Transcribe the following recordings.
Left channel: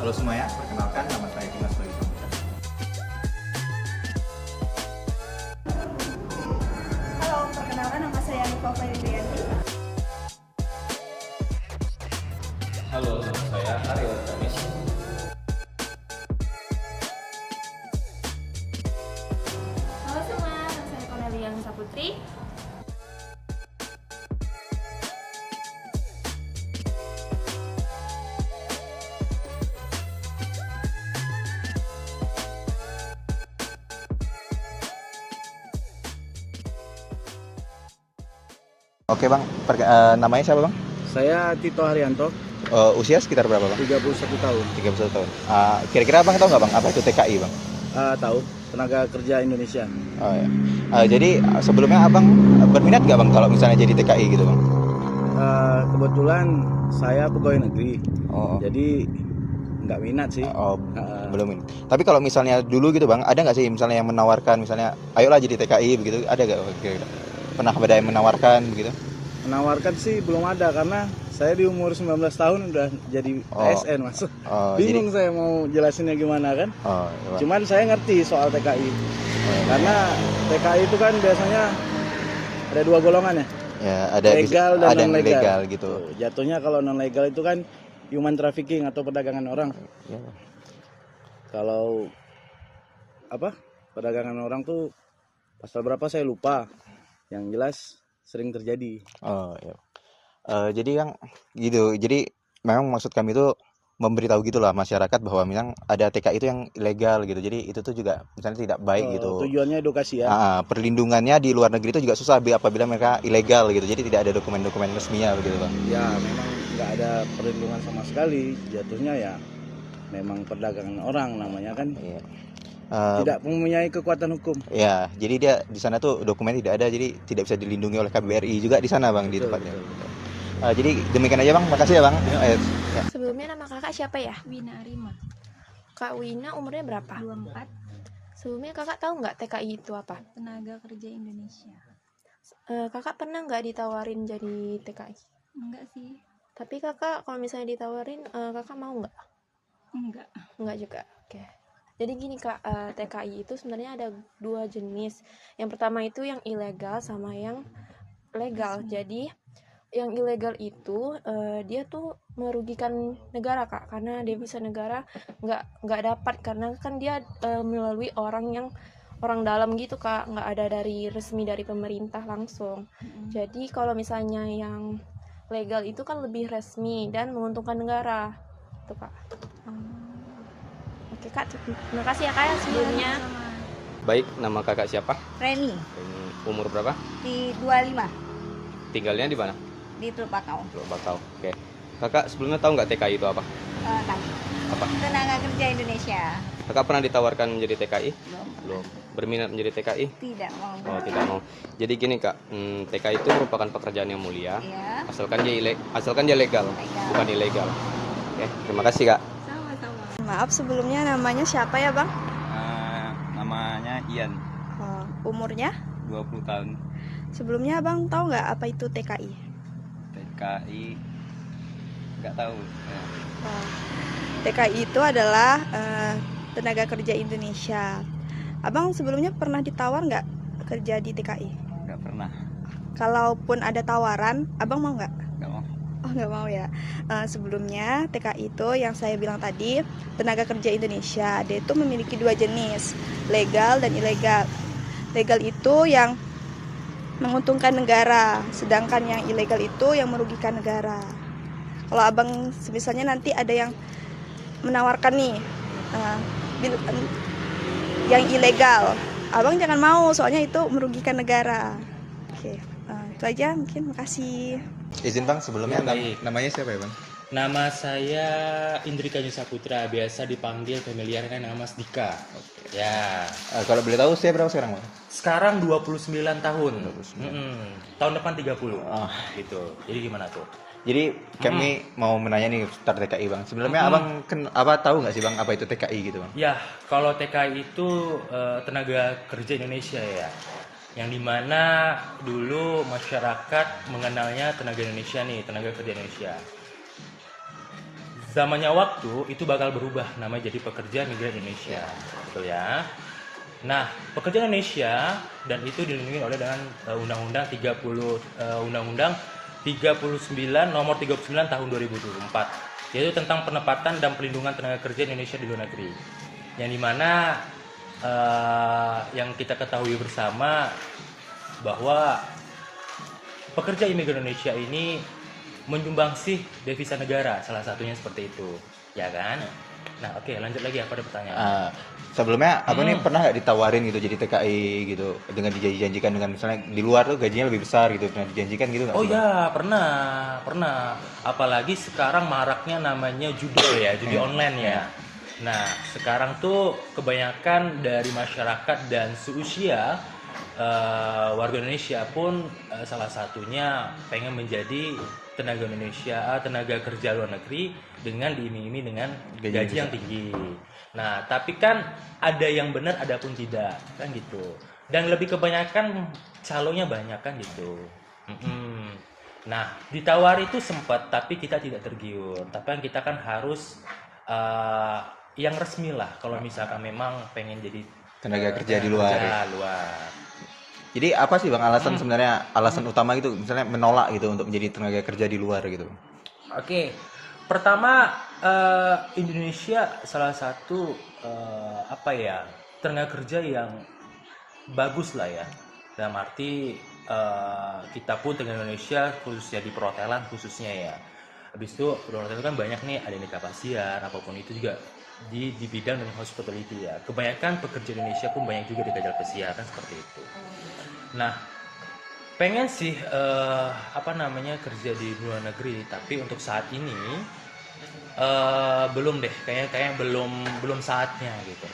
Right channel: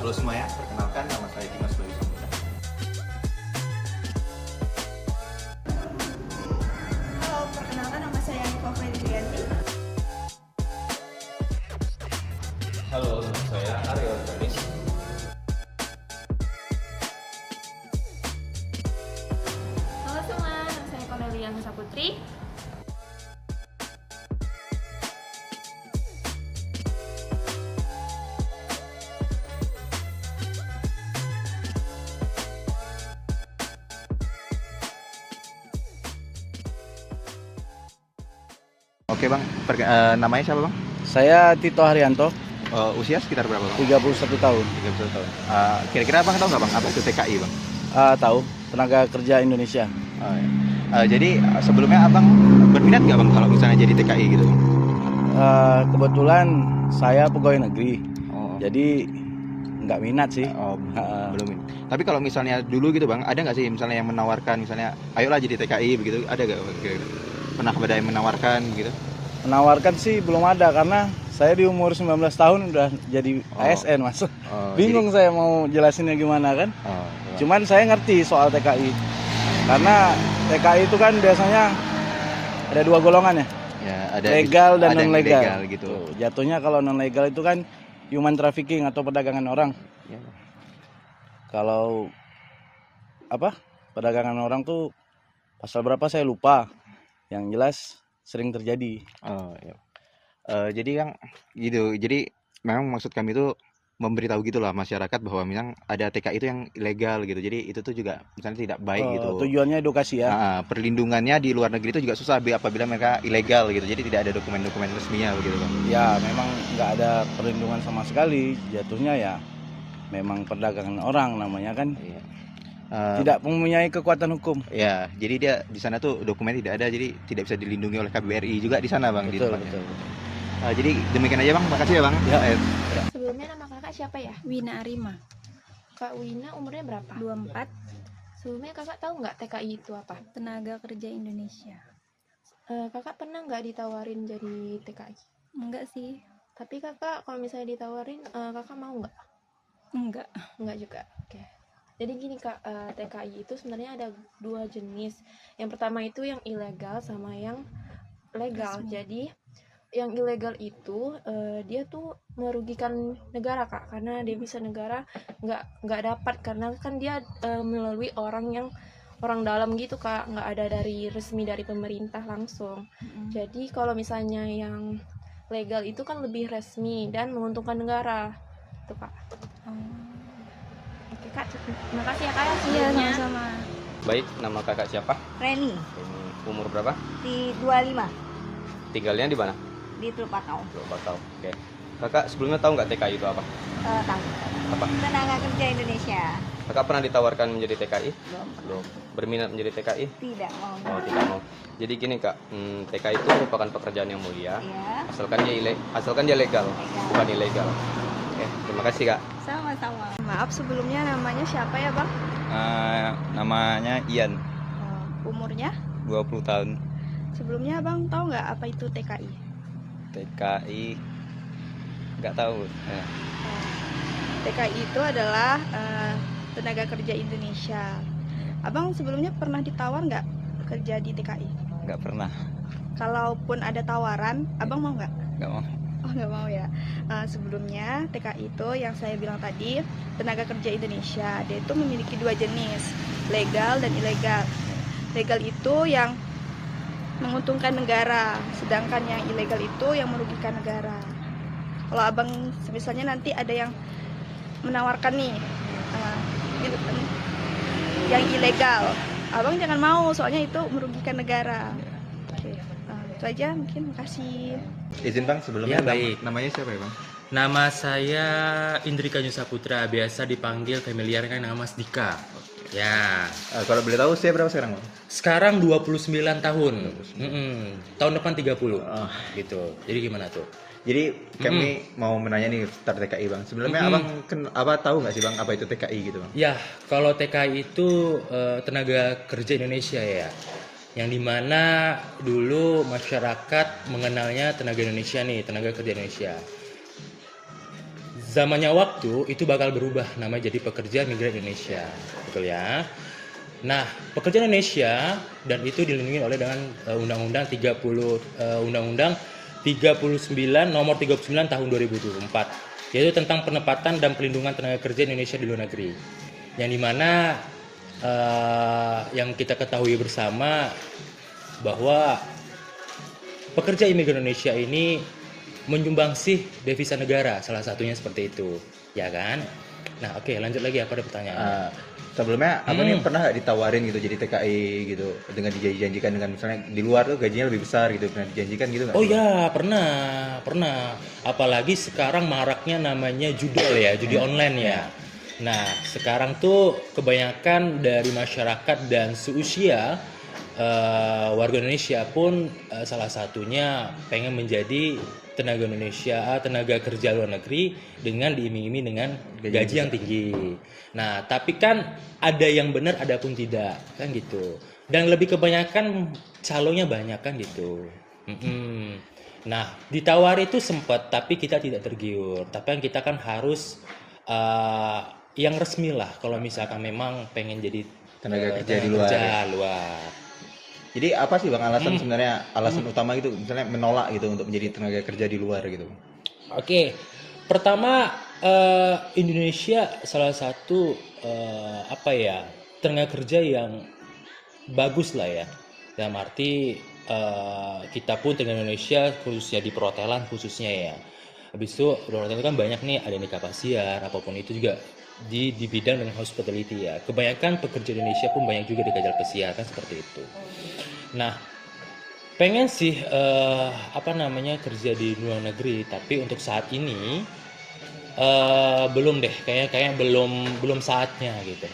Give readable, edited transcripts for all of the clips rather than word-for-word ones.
Halo semuanya, perkenalkan nama saya Dimas Bayu Samutra. Halo, perkenalkan nama saya Niko Febrianti. Halo, saya Ariel Kamis. Halo semua, nama saya Cornelia Nisa Putri. Oke bang, namanya siapa bang? Saya Tito Haryanto, Usia sekitar berapa bang? 31 tahun. 31 tahun. Kira-kira abang tahu nggak bang, apa itu TKI bang? Tahu, tenaga kerja Indonesia. Oh, ya. Jadi sebelumnya abang berminat nggak bang kalau misalnya jadi TKI gitu bang? Kebetulan saya pegawai negeri, Oh, jadi nggak minat sih. belum ini. Tapi kalau misalnya dulu gitu bang, ada nggak sih misalnya yang menawarkan misalnya, ayolah jadi TKI begitu, ada nggak? Pernah ada yang menawarkan gitu? Menawarkan sih belum ada karena saya di umur 19 tahun udah jadi ASN mas. Bingung saya mau jelasinnya gimana kan. Iya, Bang. Cuman saya ngerti soal TKI. Karena TKI itu kan biasanya ada dua golongan ya. Ya, ada Legal dan ada yang non-legal. legal gitu. Tuh, jatuhnya kalau non legal itu kan human trafficking atau perdagangan orang. Iya, Bang. Kalau apa? Perdagangan orang tuh pasal berapa saya lupa. Yang jelas sering terjadi. Iya. Jadi yang gitu. Jadi memang maksud kami itu memberitahu gitulah masyarakat bahwa memang ada TKI itu yang ilegal gitu. Jadi itu tuh juga misalnya tidak baik gitu. Tujuannya edukasi ya. Perlindungannya di luar negeri itu juga susah apabila mereka ilegal gitu. Jadi tidak ada dokumen-dokumen resminya begitu bang. Ya memang nggak ada perlindungan sama sekali. Jatuhnya ya memang perdagangan orang namanya kan. Iya. Tidak mempunyai kekuatan hukum. Ya, jadi dia di sana tuh dokumen tidak ada, jadi tidak bisa dilindungi oleh KBRI juga di sana bang, di Betul, tempatnya. betul. Jadi demikian aja bang, makasih ya bang. Ya. Sebelumnya nama kakak siapa ya? Wina Arima, Kak Wina umurnya berapa? 24, Sebelumnya kakak tahu nggak TKI itu apa? tenaga kerja Indonesia. Kakak pernah nggak ditawarin jadi TKI? Enggak sih, Tapi kakak kalau misalnya ditawarin, kakak mau nggak? enggak. Enggak juga. Oke. Jadi gini kak, TKI itu sebenarnya ada dua jenis. Yang pertama itu yang ilegal sama yang legal. Resmi. Jadi yang ilegal itu dia tuh merugikan negara kak, karena dia bisa negara nggak dapat karena kan dia melalui orang dalam gitu kak, nggak ada dari resmi dari pemerintah langsung. Jadi kalau misalnya yang legal itu kan lebih resmi dan menguntungkan negara, tuh kak. Oke kak, terima kasih ya kak sebelumnya. Sama. Baik, nama kakak siapa? Reni Umur berapa? di 25 Tinggalnya di mana? di Teluk Bakau. Teluk Bakau. Oke. Kakak sebelumnya tahu nggak TKI itu apa? Tahu. Apa? Tenaga kerja Indonesia. Kakak pernah ditawarkan menjadi TKI? Belum. Belum. Berminat menjadi TKI? Tidak mau. Oh, tidak mau. Jadi gini kak, TKI itu merupakan pekerjaan yang mulia, Ya. asalkan dia legal, Legal. bukan ilegal. Oke, terima kasih kak. Sama-sama. Maaf sebelumnya namanya siapa ya bang? Namanya Ian, Umurnya? 20 tahun. Sebelumnya abang tahu nggak apa itu TKI? TKI nggak tahu. TKI itu adalah tenaga kerja Indonesia. Abang sebelumnya pernah ditawar nggak kerja di TKI? Nggak pernah. Kalaupun ada tawaran, abang mau nggak? Nggak mau. Oh nggak mau ya. Sebelumnya TKI itu yang saya bilang tadi tenaga kerja Indonesia. Dia itu memiliki dua jenis, legal dan ilegal. Legal itu yang menguntungkan negara, sedangkan yang ilegal itu yang merugikan negara. Kalau abang misalnya nanti ada yang menawarkan nih yang ilegal, abang jangan mau, soalnya itu merugikan negara. Oke, itu aja mungkin. Makasih. Izin bang, sebelumnya Ya, baik. namanya siapa ya bang? Nama saya Indrika Yusa Putra, biasa dipanggil familiar kan nama Mas Dika. Ya, Kalau boleh tahu usia berapa sekarang bang? sekarang 29 tahun. Tahun depan 30. Gitu. Jadi gimana tuh? Jadi kami mau menanya nih seputar TKI bang. Sebelumnya abang tahu nggak sih bang apa itu TKI gitu bang? Ya, kalau TKI itu tenaga kerja Indonesia ya. Yang dimana dulu masyarakat mengenalnya tenaga Indonesia nih, tenaga kerja Indonesia. zamannya waktu itu bakal berubah namanya jadi pekerja migran Indonesia, betul ya. Nah, pekerja Indonesia dan itu dilindungi oleh dengan Undang-Undang 39 nomor 39 tahun 2024, yaitu tentang penempatan dan pelindungan tenaga kerja Indonesia di luar negeri. Yang dimana yang kita ketahui bersama bahwa pekerja imigran Indonesia ini menyumbangsih devisa negara, salah satunya seperti itu, ya kan? Nah, oke, lanjut lagi apa ada pertanyaan? Sebelumnya apa nih pernah nggak ditawarin gitu jadi TKI gitu dengan dijanjikan dengan misalnya di luar tuh gajinya lebih besar gitu, pernah dijanjikan gitu nggak? Oh ya, pernah. Apalagi sekarang maraknya namanya judol ya, judi online ya. Nah, sekarang tuh kebanyakan dari masyarakat dan seusia warga Indonesia pun salah satunya pengen menjadi tenaga kerja luar negeri dengan diiming-iming dengan gaji yang tinggi. Nah, tapi kan ada yang benar, ada pun tidak, kan gitu. Dan lebih kebanyakan calonnya banyak kan gitu. Nah, ditawari itu sempat, tapi kita tidak tergiur. Tapi kan kita kan harus yang resmi lah. Kalau misalkan memang pengen jadi Tenaga kerja di luar. Jadi apa sih Bang alasan sebenarnya alasan utama gitu misalnya menolak gitu untuk menjadi tenaga kerja di luar gitu? Oke. Pertama Indonesia salah satu tenaga kerja yang bagus lah ya. Dalam arti kita pun tenaga Indonesia khususnya di perhotelan khususnya ya. Habis itu perhotelan itu kan banyak nih, ada nikah pasien apapun itu juga di bidang dengan hospitality ya. Kebanyakan pekerja Indonesia pun banyak juga di kajal pesiar kan seperti itu. Nah, pengen sih kerja di luar negeri, tapi untuk saat ini belum deh, kayaknya belum saatnya gitu.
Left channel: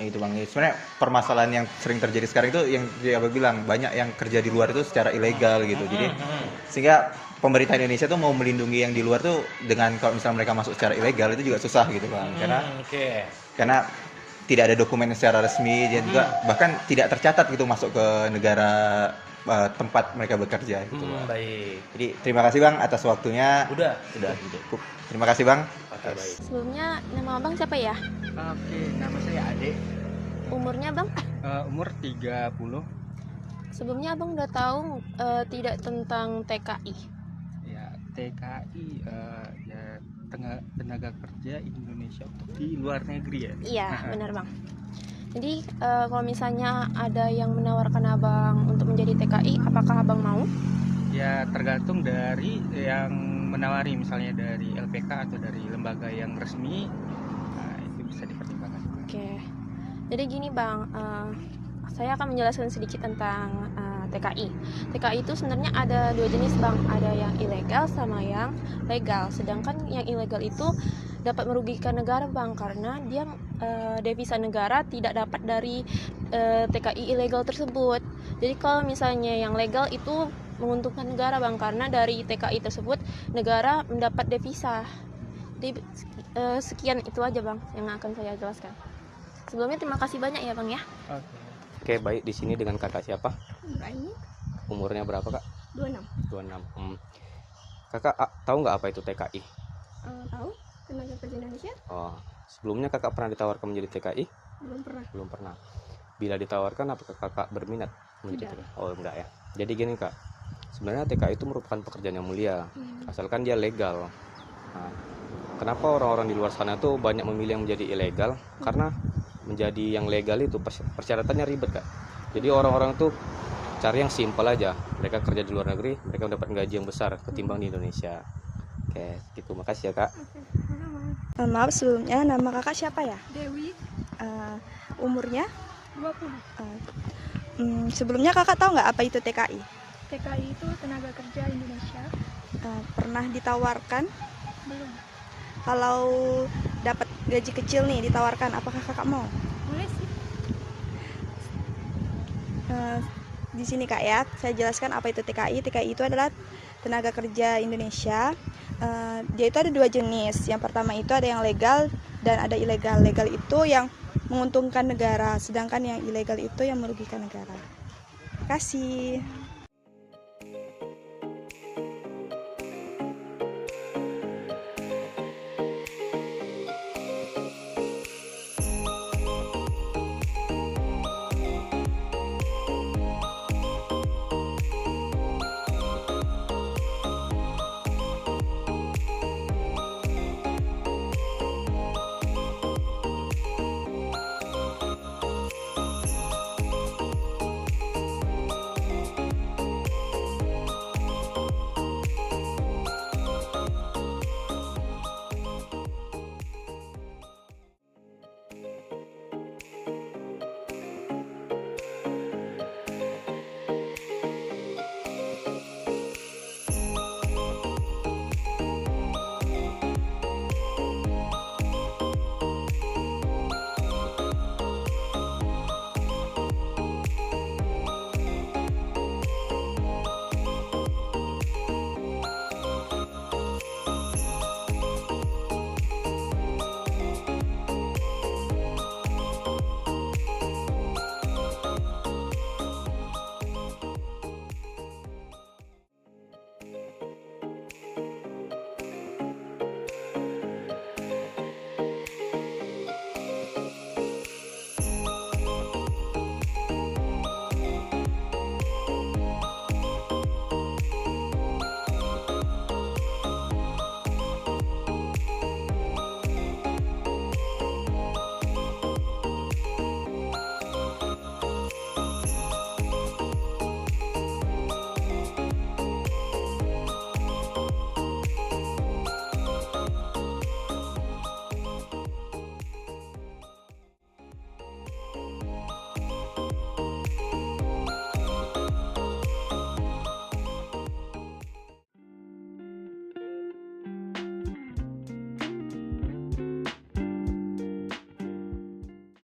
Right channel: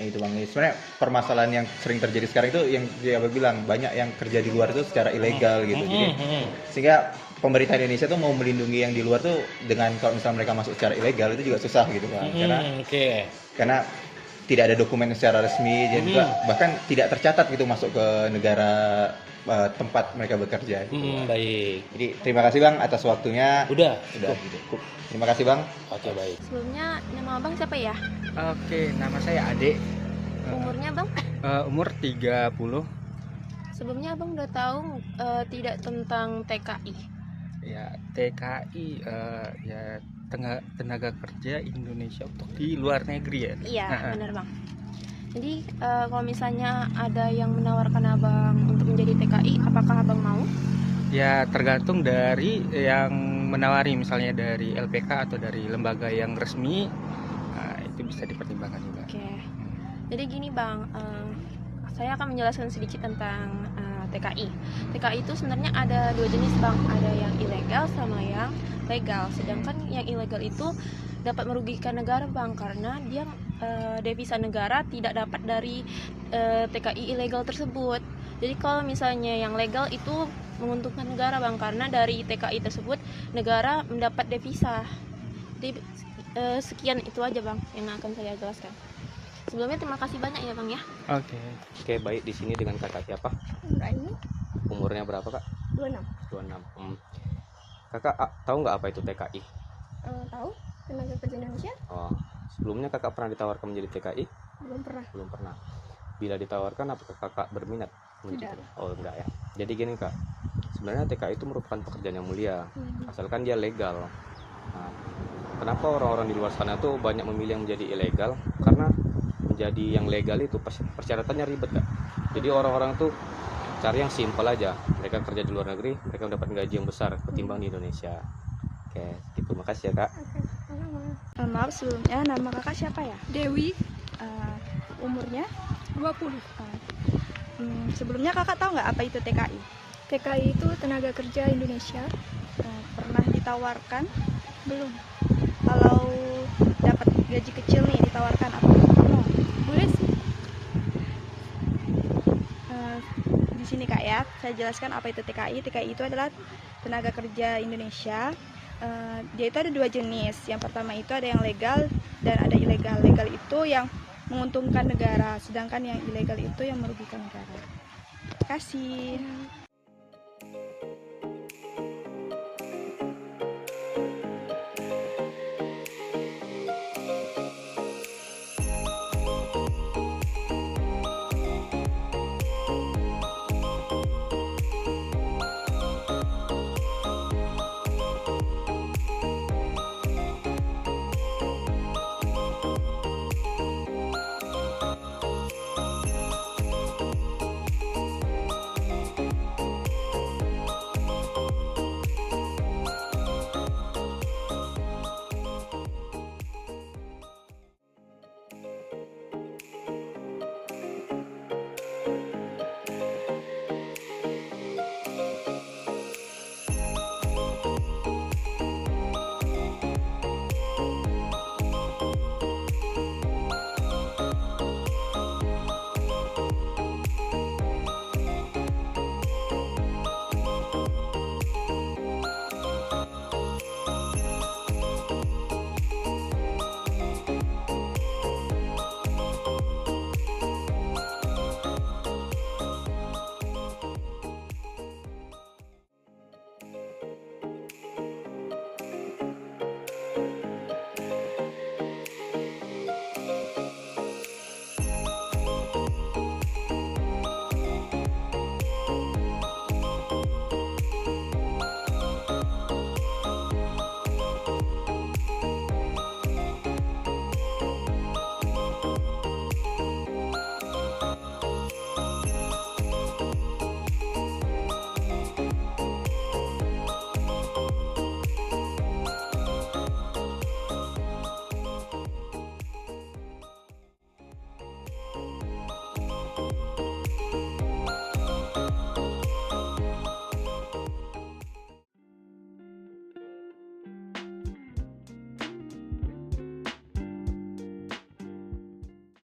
Itu Bang, sebenarnya permasalahan yang sering terjadi sekarang itu yang dia bilang banyak yang kerja di luar itu secara ilegal gitu. Jadi sehingga pemerintah Indonesia tuh mau melindungi yang di luar tuh dengan kalau misalnya mereka masuk secara ilegal itu juga susah gitu Bang. Karena tidak ada dokumen secara resmi dan juga bahkan tidak tercatat gitu masuk ke negara tempat mereka bekerja gitu. Baik. Jadi terima kasih Bang atas waktunya. Udah cukup. Terima kasih Bang. Oke, baik. Sebelumnya nama abang siapa ya? Oke, nama saya Ade. Umurnya bang? Umur 30. Sebelumnya abang udah tahu tidak tentang TKI? Ya, TKI ya tenaga kerja Indonesia untuk di luar negeri ya. Iya, benar bang. Jadi kalau misalnya ada yang menawarkan abang untuk menjadi TKI, apakah abang mau? Ya, tergantung dari yang menawari, misalnya dari LPK atau dari lembaga yang resmi. Nah, itu bisa dipertimbangkan juga. Oke. Jadi gini bang, saya akan menjelaskan sedikit tentang TKI. TKI itu sebenarnya ada dua jenis bang, ada yang ilegal sama yang legal. Sedangkan yang ilegal itu dapat merugikan negara bang, karena dia devisa negara tidak dapat dari TKI ilegal tersebut. Jadi kalau misalnya yang legal itu menguntungkan negara bang, karena dari TKI tersebut negara mendapat devisa. Jadi sekian itu aja bang yang akan saya jelaskan. Sebelumnya terima kasih banyak ya bang ya. Oke, baik, di sini dengan kakak siapa? Ini Umurnya berapa kak? 26. 26. Kakak tahu nggak apa itu TKI? Tahu tenaga kerja Indonesia? Oh, sebelumnya kakak pernah ditawarkan menjadi TKI? Belum pernah. Belum pernah. Bila ditawarkan apakah kakak berminat? Tidak. Oh enggak ya. Jadi gini kak, sebenarnya TKI itu merupakan pekerjaan yang mulia, asalkan dia legal. Nah, kenapa orang-orang di luar sana tuh banyak memilih yang menjadi ilegal? Karena menjadi yang legal itu persyaratannya ribet kak. Jadi orang-orang tuh cari yang simpel aja. Mereka kerja di luar negeri, mereka mendapat gaji yang besar ketimbang di Indonesia. Oke, terima kasih ya kak. Maaf sebelumnya, nama kakak siapa ya? Dewi, Umurnya? 20. Sebelumnya kakak tahu nggak apa itu TKI? TKI itu tenaga kerja Indonesia. Pernah ditawarkan? Belum. Kalau dapat gaji kecil nih ditawarkan apa? Mau? Boleh sih. Di sini kak ya, saya jelaskan apa itu TKI. TKI itu adalah tenaga kerja Indonesia. Dia itu ada dua jenis. Yang pertama itu ada yang legal dan ada ilegal. Legal itu yang menguntungkan negara, sedangkan yang ilegal itu yang merugikan negara. Terima kasih.